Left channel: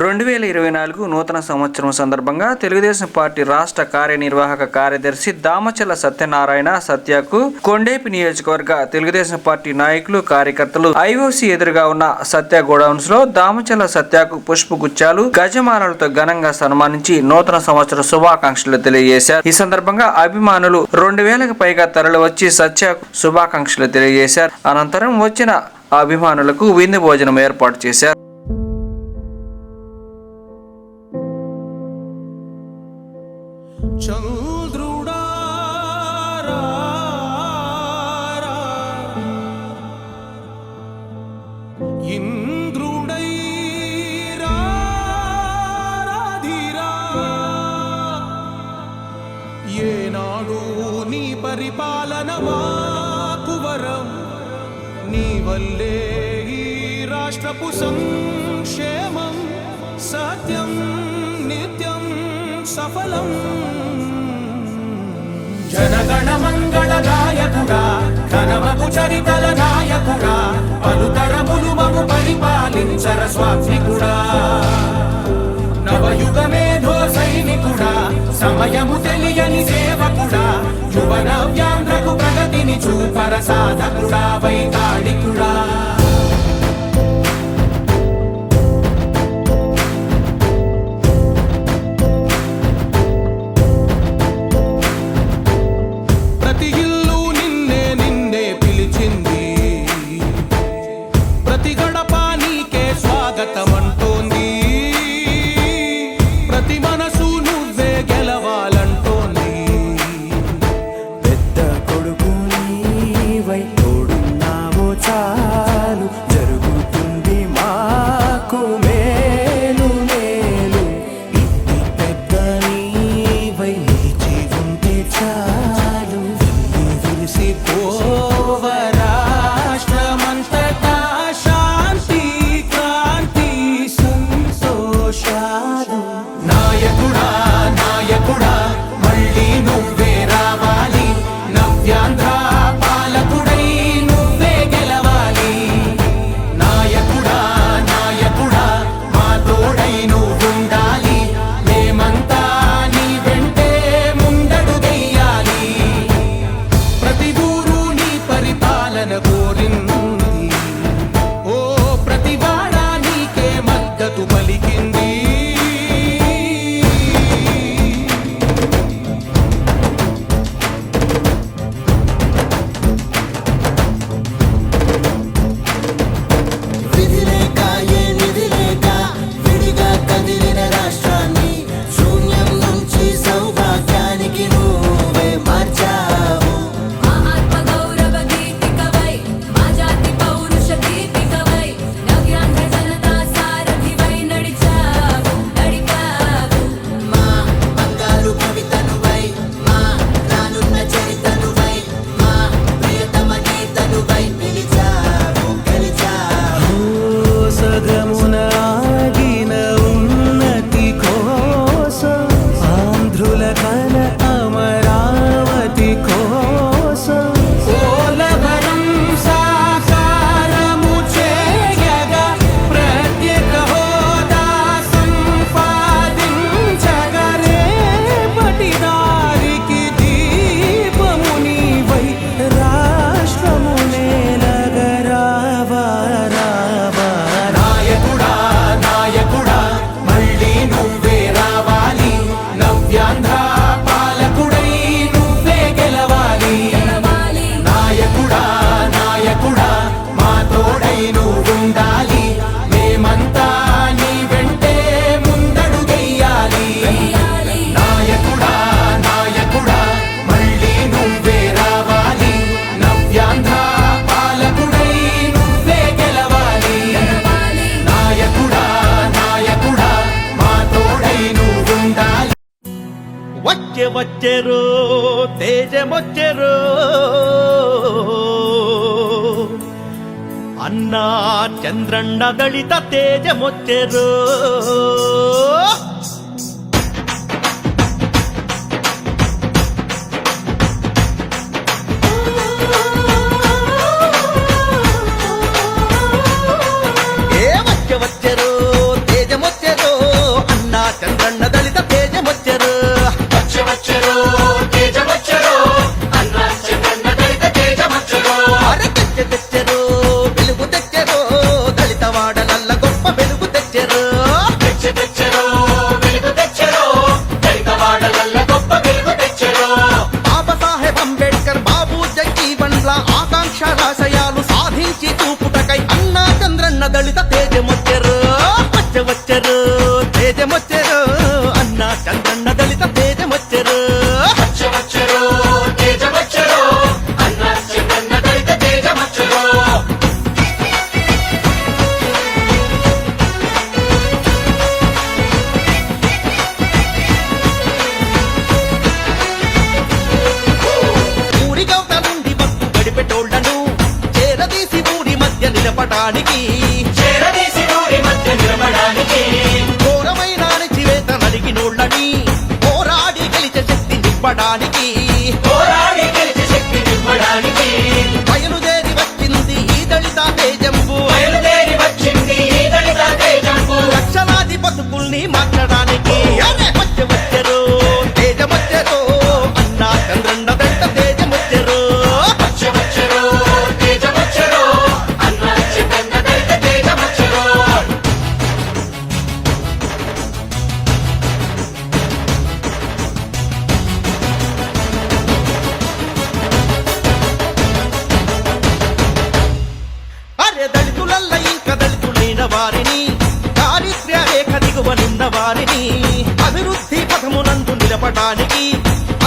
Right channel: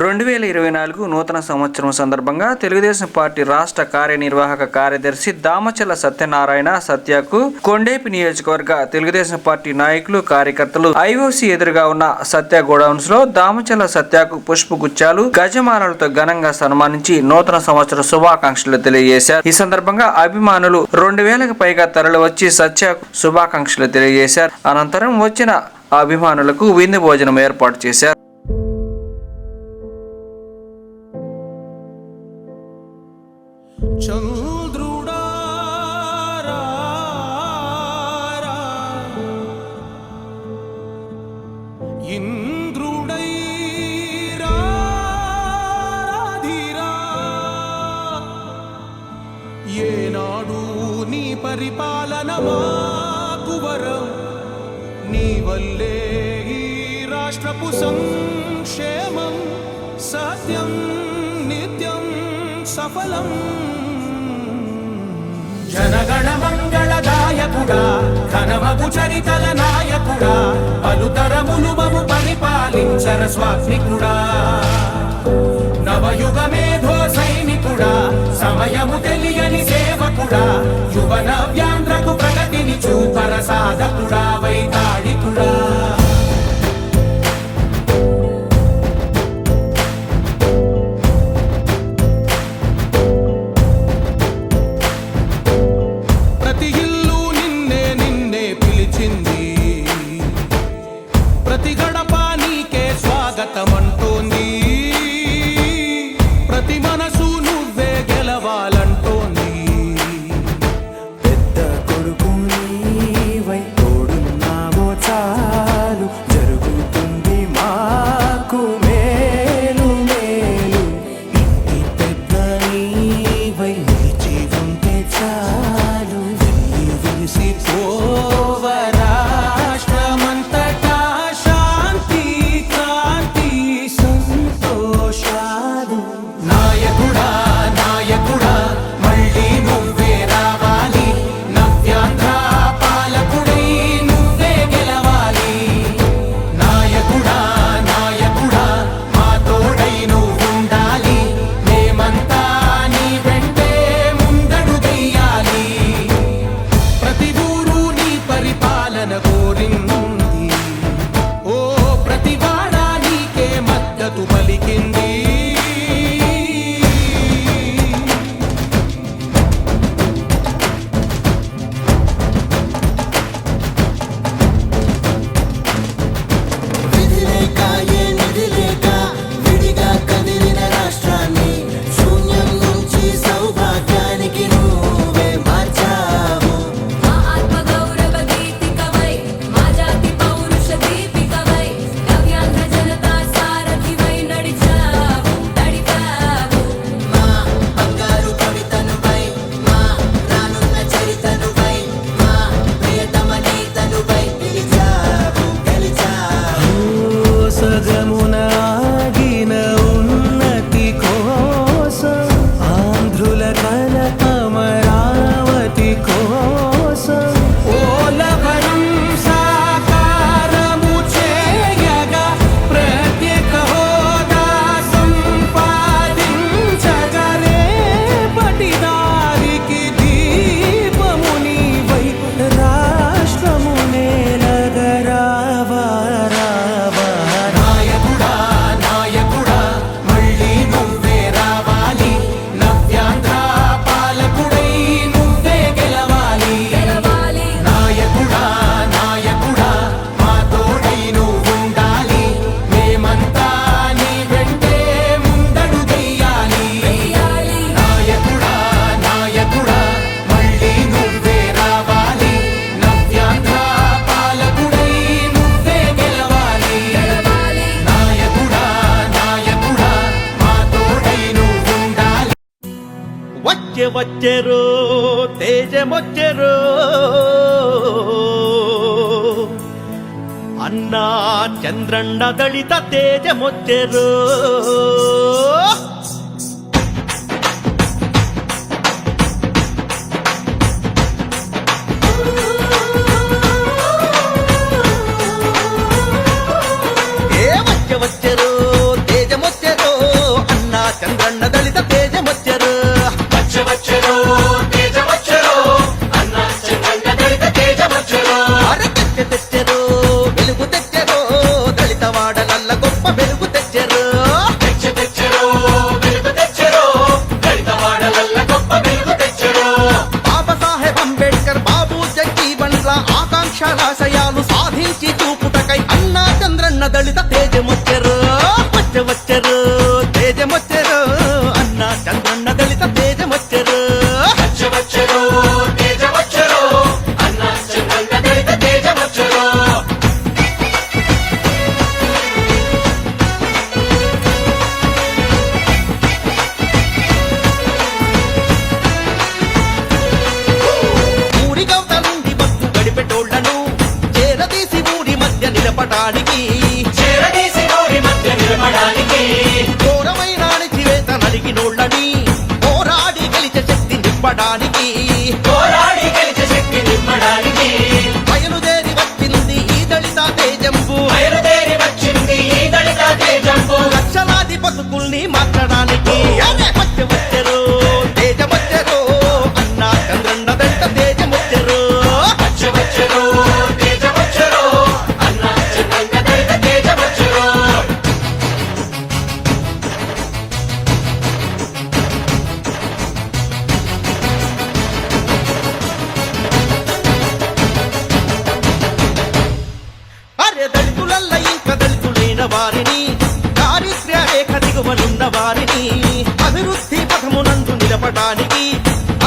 2024 నూతన సంవత్సరం సందర్భంగా తెలుగుదేశం పార్టీ రాష్ట్ర కార్యనిర్వాహక కార్యదర్శి దామచల్ల సత్యనారాయణ సత్యకు కొండేపి నియోజకవర్గ తెలుగుదేశం పార్టీ నాయకులు కార్యకర్తలు ఐఓసి ఎదురుగా ఉన్న సత్య గోడౌన్స్ లో దామచల్ల సత్యకు పుష్పగుచ్చాలు గజమాలలతో ఘనంగా సన్మానించి నూతన సంవత్సర శుభాకాంక్షలు తెలియజేశారు. ఈ సందర్భంగా అభిమానులు 2000కు పైగా తరలివచ్చి సత్యకు శుభాకాంక్షలు తెలియజేశారు. అనంతరం వచ్చిన అభిమానులకు విందు భోజనం ఏర్పాటు చేశారు. ఏనాడు నీ పరిపాలన మాకు వరం, నీ వల్లే ఈ రాష్ట్రపు సంక్షేమం సత్యం నిత్యం సఫలం. జనగణ మంగళదాయకుడా ఘనమగు చరితల నాయకుడా పలుతరములు మము పరిపాలించర స్వామికుడా. నవయుగ మేధో సైనికుడా సమయము తెలియని సేవకుడా యువన వ్యాంధ్రకు ప్రగతిని చూపర సాధకుడా వైతాళికుడా. ప్రతి ఇల్లు నిన్నే నిన్నే పిలిచింది, ప్రతి గడప నీకే స్వాగతమంటోంది, ప్రతి మనసు నువ్వే గెలవాలంటోంది. పెద్ద కొడుకు నీవై తోడున్నావో చాలు, జరుగుతుంది మాకు మేలు మేలు. ఇంటి పెద్ద నీవై నిలిచి ఉంటే చాలు, వెళ్ళి విరిసి పోవ రాష్ట్రమంతటా శాంతి క్రాంతి సంతోషాలు. నాయకుడా నాయకుడా మళ్ళీ నువ్వే రావాలి, నవ్యాంధ్ర పాలకుడై నువ్వే గెలవాలి. నాయకుడా నాయకుడా మా తోడై నువ్వుండాలి, మేమంతా నీ వెంటే ముందడుగెయ్యాలి. ప్రతి ఊరు నీ పరిపాలన కోరింది, ఓ ప్రతి వాడ నీకే మద్దతు పలికింది. సగమునాగిన ఉన్నతి కోసం, ఆంధ్రుల కల అమరావతి కోసం, పోలవరం సాకారము చేయగా ప్రత్యేక హోదా సంపాదించగా రేపటి దారికి దీపము నీవై రాష్ట్రము నేలగరావా రావా. నాయకుడా నాయకుడా మళ్ళీ నువ్వే రావాలి, నవ్యాంధ్ర పాలకుడై నువ్వే గెలవాలి. నాయకుడా నాయకుడా మా తోడై నువ్వుండాలి, మేమంతా నీ వెంటే ముందడుగెయ్యాలి. నాయకుడా నాయకుడా మళ్ళీ నువ్వే రావాలి, నవ్యాంధ్ర పాలకుడై నువ్వే గెలవాలి. నాయకుడా నాయకుడా మా తోడై నువ్వుండాలి. వచ్చే వచ్చెరో తేజమొచ్చెరో అన్నా చంద్రన్న దళిత తేజమొచ్చెరో. వచ్చెరో తేజమొచ్చెరో చంద్రన్న దళిత తేజమొచ్చెరు అరే తెచ్చెరు వెలుగు తెచ్చెరు దళిత వాడలల్ల గొప్ప వెలుగు తెచ్చెరు బాబాసాహెబ్ అంబేద్కర్ బాబు జగజీవన్ల ఆకాంక్షలాశయాలు సాధించి చూపుటకై అన్నా చంద్రన్న దళిత తేజమొచ్చెరు వచ్చెరు తేజమొచ్చెరు అన్నా చంద్రన్న దళిత తేజమొచ్చెరు ఊరి గౌత నుండి బస్సు గడిపెటోళ్లను చేరదీసి ఊరి మధ్య నిలపటానికి ఘోరమైన అణిచివేత నలిగినోళ్ళని పోరాడి గెలిచే శక్తి నింపడానికి బయలుదేరి వచ్చింది ఈ దళిత తేజంబు లక్షలాది బతుకుల్ని మార్చడానికి అరే వచ్చెరు తేజమొచ్చెరు అన్నా చంద్రన్న దళిత తేజమొచ్చెరు అరే దళితులల్ల ఇంకా దళితులైన వారిని దారిద్ర్య రేఖ దిగువనున్న వారిని అభివృద్ధి పథమునందు నిలపడానికి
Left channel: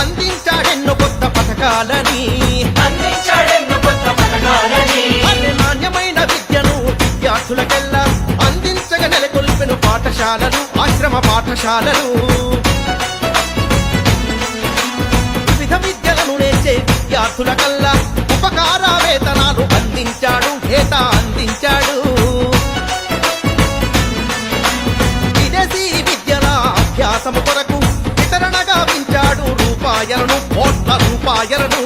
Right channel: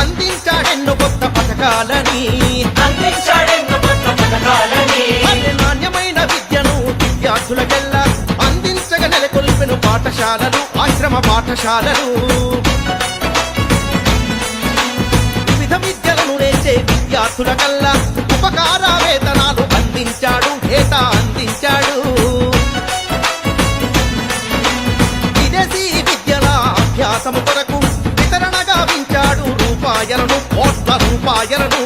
అందించాడెన్నో కొత్త పథకాలని అరే నాణ్యమైన విద్యను విద్యార్థులకెల్లా అందించగా నెలకొల్పెను పాఠశాలలు ఆశ్రమ పాఠశాలలు వివిధ విద్యలను నేర్చే విద్యార్థులకల్లా ఉపకార వేతనాలు అందించాడు ఏటా అందించాడు విదేశీ విద్యల అభ్యాసము కొరకు వితరణ గావించాడు రూపాయలను కోట్ల రూపాయలను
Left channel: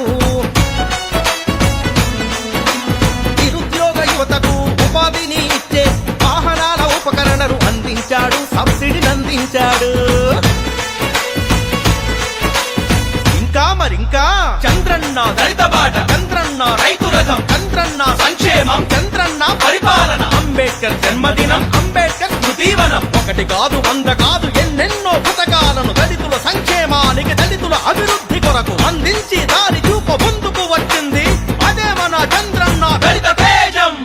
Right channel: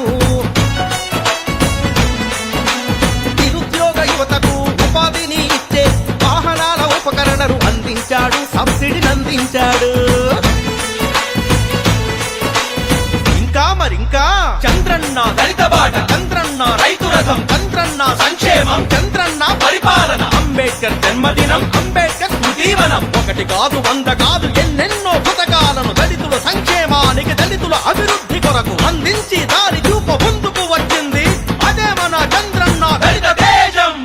నిరుద్యోగ యువతకు ఉపాధిని ఇచ్చే వాహనాల ఉపకరణలు అందించాడు సబ్సిడీని అందించాడు ఇంకా మరింకా చంద్రన్న దళిత బాట చంద్రన్న రైతు రథం చంద్రన్న సంక్షేమం చంద్రన్న పరిపాలన అంబేద్కర్ జన్మదినం అంబేద్కర్ స్మృతివనం ఒకటి కాదు 100 కాదు ఎన్నెన్నో పథకాలను దళితుల సంక్షేమానికి దళితుల అభివృద్ధి కొరకు అందించి దారి చూప ముందుకు వచ్చింది అదే మన చంద్రన్న దళిత తేజం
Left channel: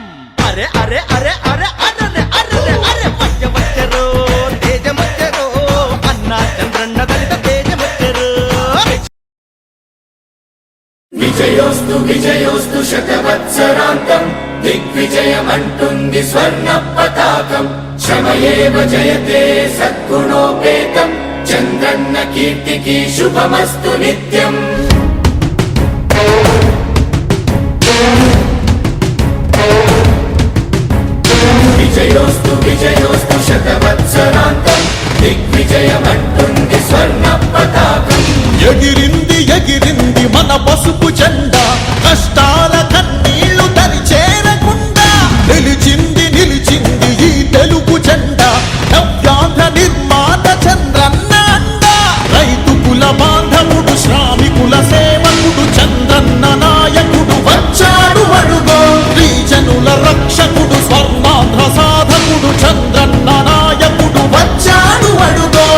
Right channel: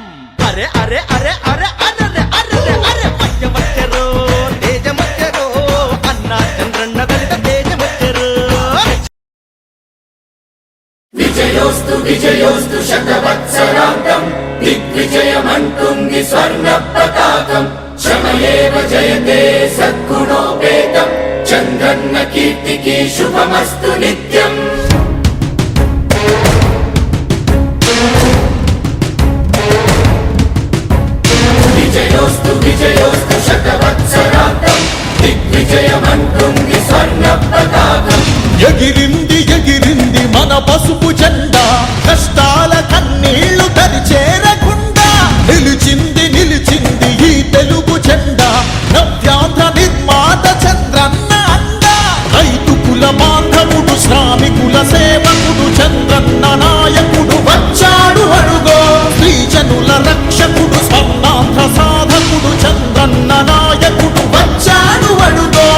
అరే అరే అరే అరే అరే అరే అరే వచ్చెరు తేజమొచ్చెరు అన్నా చంద్రన్న దళిత తేజమొచ్చెరు విజయోస్తు విజయోస్తు శతవత్సరాంతం దిగ్విజయమంటుంది స్వర్ణ పతాకం శ్రమయేవ జయతే సద్గుణోపేతం చంద్రన్న కీర్తికి శుభమస్తు నిత్యం విజయోస్తు విజయోస్తు శతవత్సరాంతం దిగ్విజయమంటుంది స్వర్ణ పతాకం ఎగిరింది ఎగిరింది మన పసుపు జెండా కష్టాల కన్నీళ్లు దరి చేరకుండా నిలిచింది నిలిచింది ఈ తెలుగు జెండా నవ్యాంధ్ర నిర్మాత చంద్రన్న అండ రైతు కుల బాంధవుడు శ్రామికుల సేవకుడు చంద్రన్న నాయకుడు వచ్చాడు అడుగో శ్రీజనుల రక్షకుడు స్వర్ణాంధ్ర సాధకుడు చంద్రన్న నాయకుడు వచ్చాడు అడుగో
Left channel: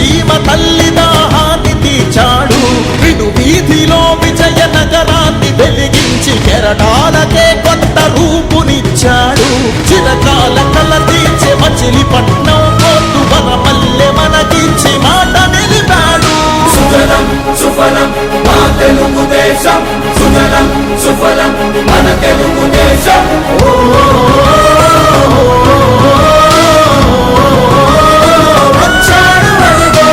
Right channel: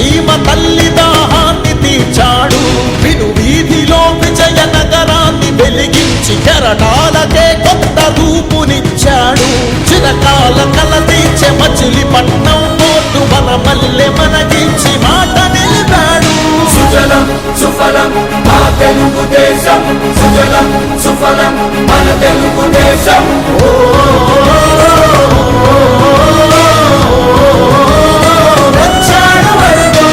సీమ తల్లి దాహాన్ని తీర్చాడు విను వీధిలో విజయ నగరాన్ని వెలిగించి కెరటాలకే కొత్త రూపునిచ్చాడు చిరకాల కల తీర్చే మచిలీపట్నం పోర్టు మన మల్లె మనకించి మాట నిలిపాడు సుజలం సుఫలం మా తెలుగుదేశం సుజలం సుఫలం మన తెలుగుదేశం వచ్చాడు అడుగో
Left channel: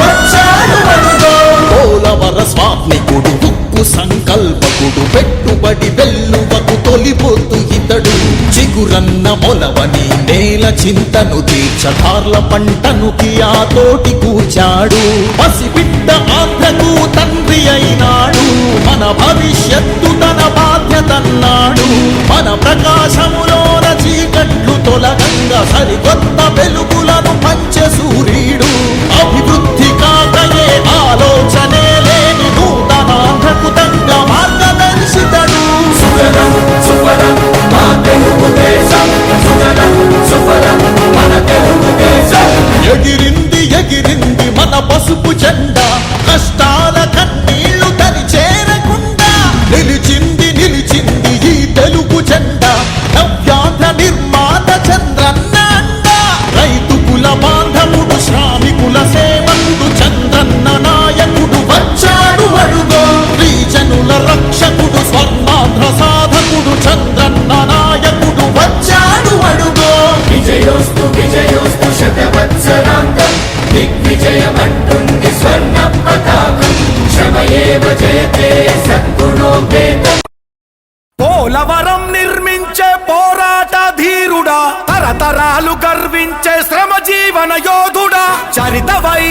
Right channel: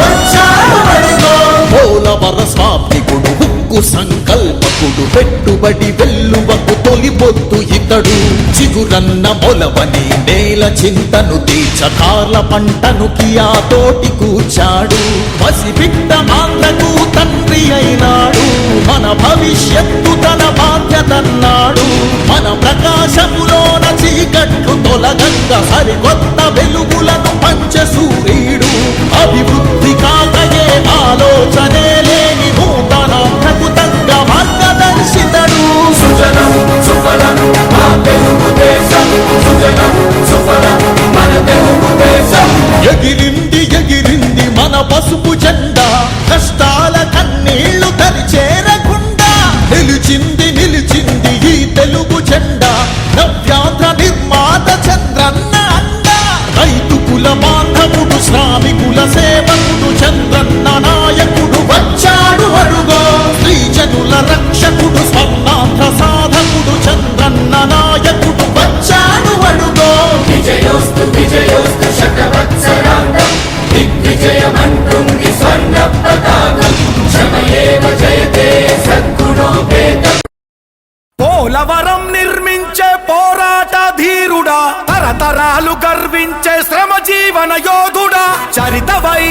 వచ్చాడు అడుగో పోలవర స్వామికుడు ఉక్కు సంకల్పకుడు పెట్టుబడి వెల్లువకు తొలిపోతు ఇతడు చిగురన్న మొలవని నేల చింతను తీర్చకాల పంటను కియాతోటి కూర్చాడు పసిబిడ్డ ఆంధ్రకు తండ్రి అయినాడు మన భవిష్యత్తు తన బాధ్యతన్నాడు మన ప్రకాశములోన చీకట్లు తొలగంగా సరికొత్త వెలుగులను పంచే సూర్యుడు అభివృద్ధి కాకయే ఆలోచనే లేని నూతనాంధ్రకు తగ్గ మార్గదర్శితడు సుజలం సుఫలం మా తెలుగుదేశం సుజలం సుఫలం మన తెలుగుదేశం ఎగిరింది ఎగిరింది మన పసుపు జెండా కష్టాల కన్నీళ్లు తని చేరకుండా నిలిచింది నిలిచింది ఈ తెలుగు జెండా నవ్యాంధ్ర నిర్మాత చంద్రన్న అండ రైతు కుల బాంధవుడు శ్రామికుల సేవకుడు చంద్రన్న నాయకుడు వచ్చాడు అడుగో శ్రీజనుల రక్షకుడు స్వర్ణాంధ్ర సాధకుడు చంద్రన్న నాయకుడు వచ్చాడు అడుగో విజయోస్తు విజయోస్తు శతవత్సరాంతం దిగ్విజయమంటుంది స్వర్ణ పతాకం శ్రమయేవ జయతే సద్గుణోపేతం పోలవరం నిర్మించే పోరాట ధీరుడా తరతరాలు గర్వించే శ్రమ జీవన యోధుడా చరితవై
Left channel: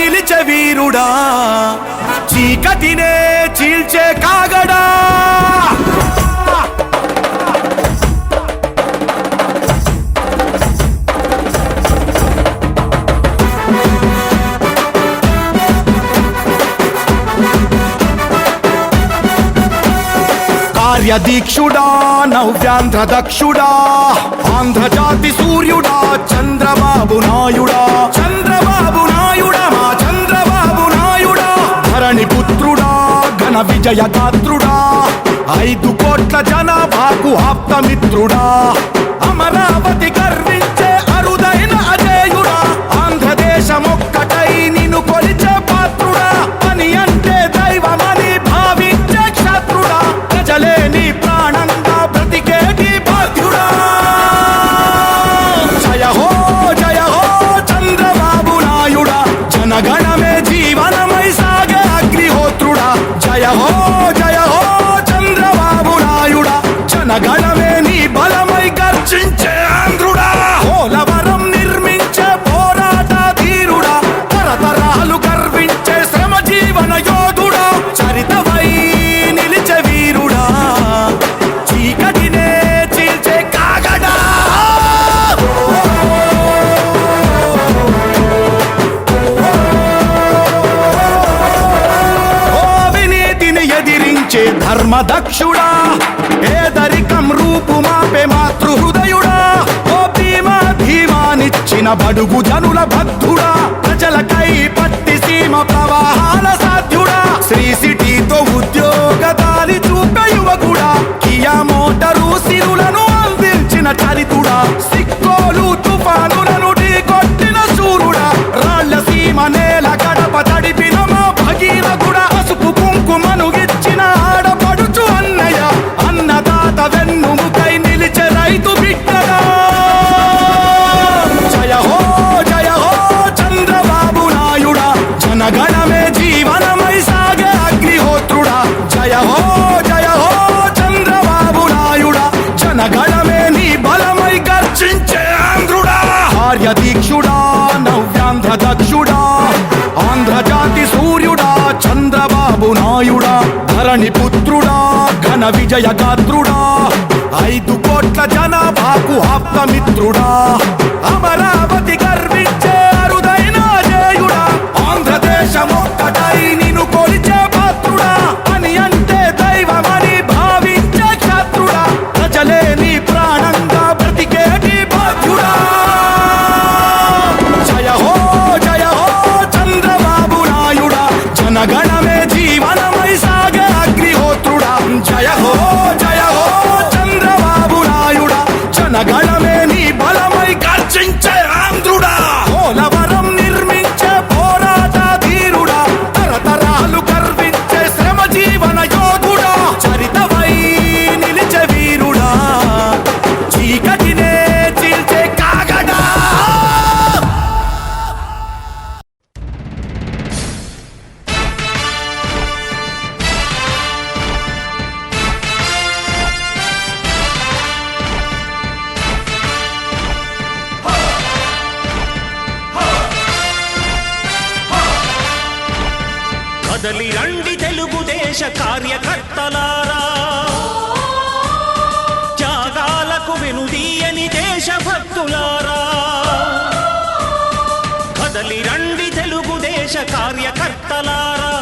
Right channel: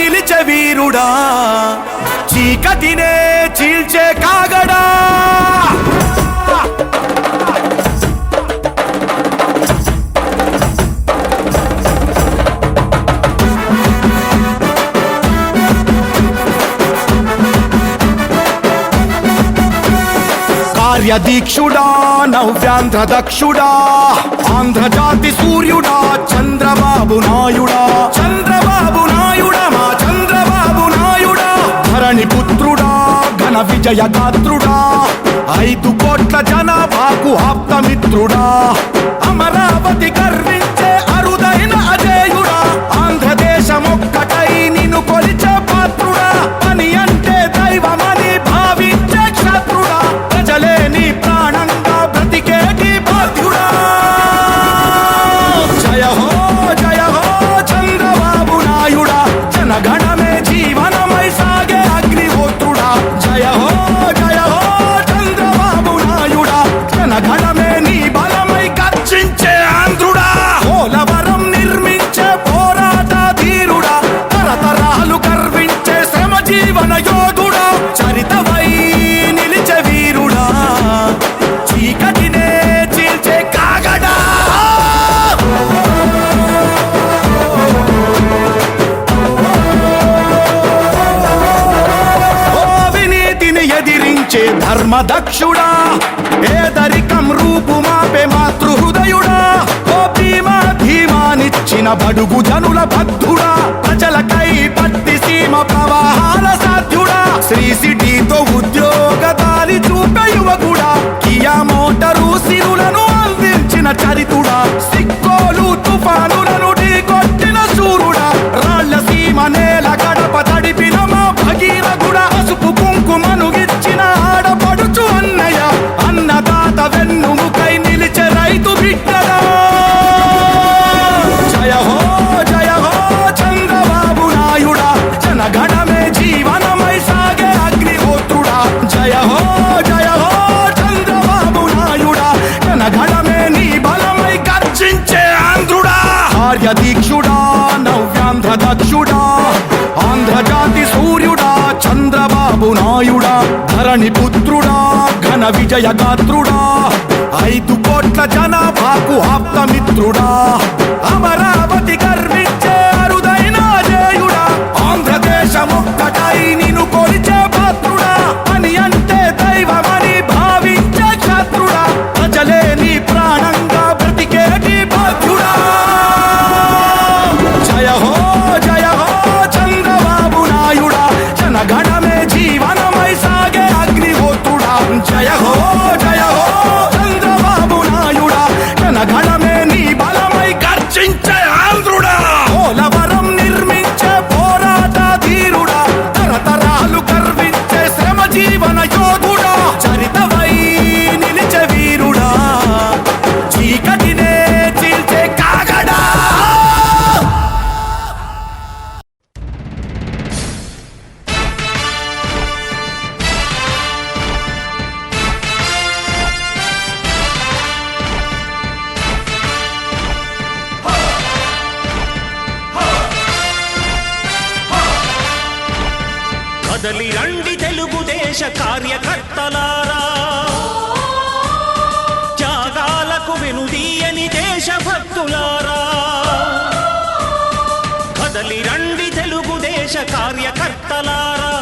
నిలిచే వీరుడా చీకటినే చీల్చే కాగడా కార్యదీక్షుడా నవ్యాంధ్ర దక్షుడా ఆంధ్రజాతి సూర్యుడా చంద్రబాబు నాయుడా చంద్రబాబు నాయుడా మా చంద్రబాబు నాయుడా ధరణి పుత్రుడా ఘన విజయ గాత్రుడా 5 కోట్ల జనాభాకు ఆప్తమిత్రుడా అమరావతి గర్వించే అరుదైన అజేయుడా ఆంధ్రదేశమొక్కటై నిన్ను కొలిచే పాత్రుడా పని అంటే దైవమని భావించే క్షత్రుడా ప్రజలే నీ ప్రాణంగా బ్రతికేటి బాధ్యుడా జయ హో చంద్రబాబు నాయుడా జనగణమే జీవనమై సాగే అగ్నిహోత్రుడా జయ హో చంద్రబాబు నాయుడా జనగణమే నీ బలమై గర్జించే ఆంధ్రుడా పోలవరం నిర్మించే పోరాట ధీరుడా తరతరాలు గర్వించే శ్రమ జీవన యోధుడా చరితవై నిలిచే వీరుడా చీకటినే చీల్చే కాగడా ఓ వినీతిని ఎదిరించే ధర్మదక్షుడా పేదరికం రూపు మాపే మాతృహృదయుడా ఓ భీమా ధీమానిచ్చిన బడుగు జనుల బద్ధుడా ప్రజలకై పట్టి సీమ ప్రవాహాల సాధ్యుడా శ్రీ సిటీతో ఉద్యోగ దారి చూపే యువకుడా కియా మోటారు సిరులను అందించిన చరితుడా సిక్కోలు తుఫానులను ఢీకొట్టిన శూరుడా రాళ్ల సీమ నేల గడప తడిపిన మా భగీరథుడా పసుపు కుంకుమను ఇచ్చిన ఆడపడుచు అన్నయ్య అన్నదాత వెన్నుముకై నిలిచే రైతు బిడ్డడా జయ హో చంద్రబాబు నాయుడా జనగణమే జీవనమై సాగే అగ్నిహోత్రుడా జయ హో చంద్రబాబు నాయుడా జనగణమే నీ బలమై గర్జించే ఆంధ్రుడా కార్యదీక్షుడా నవ్యాంధ్ర దక్షుడా ఆంధ్రజాతి సూర్యుడా చంద్రబాబు నాయుడా ధరణి పుత్రుడా ఘన విజయ గాత్రుడా 5 కోట్ల జనాభాకు ఆప్తమిత్రుడా అమరావతి గర్వించే అరుదైన అజేయుడా ఆంధ్రదేశమొక్కటై నిన్ను కొలిచే పాత్రుడా పని అంటే దైవమని భావించే క్షత్రుడా ప్రజలే నీ ప్రాణంగా బ్రతికే చీకటినే చీల్చే కాగడా కదలి రండి తెలుగుదేశ కార్యకర్తలారా, త్యాగాలకు వెనుదీయని దేశభక్తులారా. కదలి రండి తెలుగుదేశ కార్యకర్తలారా,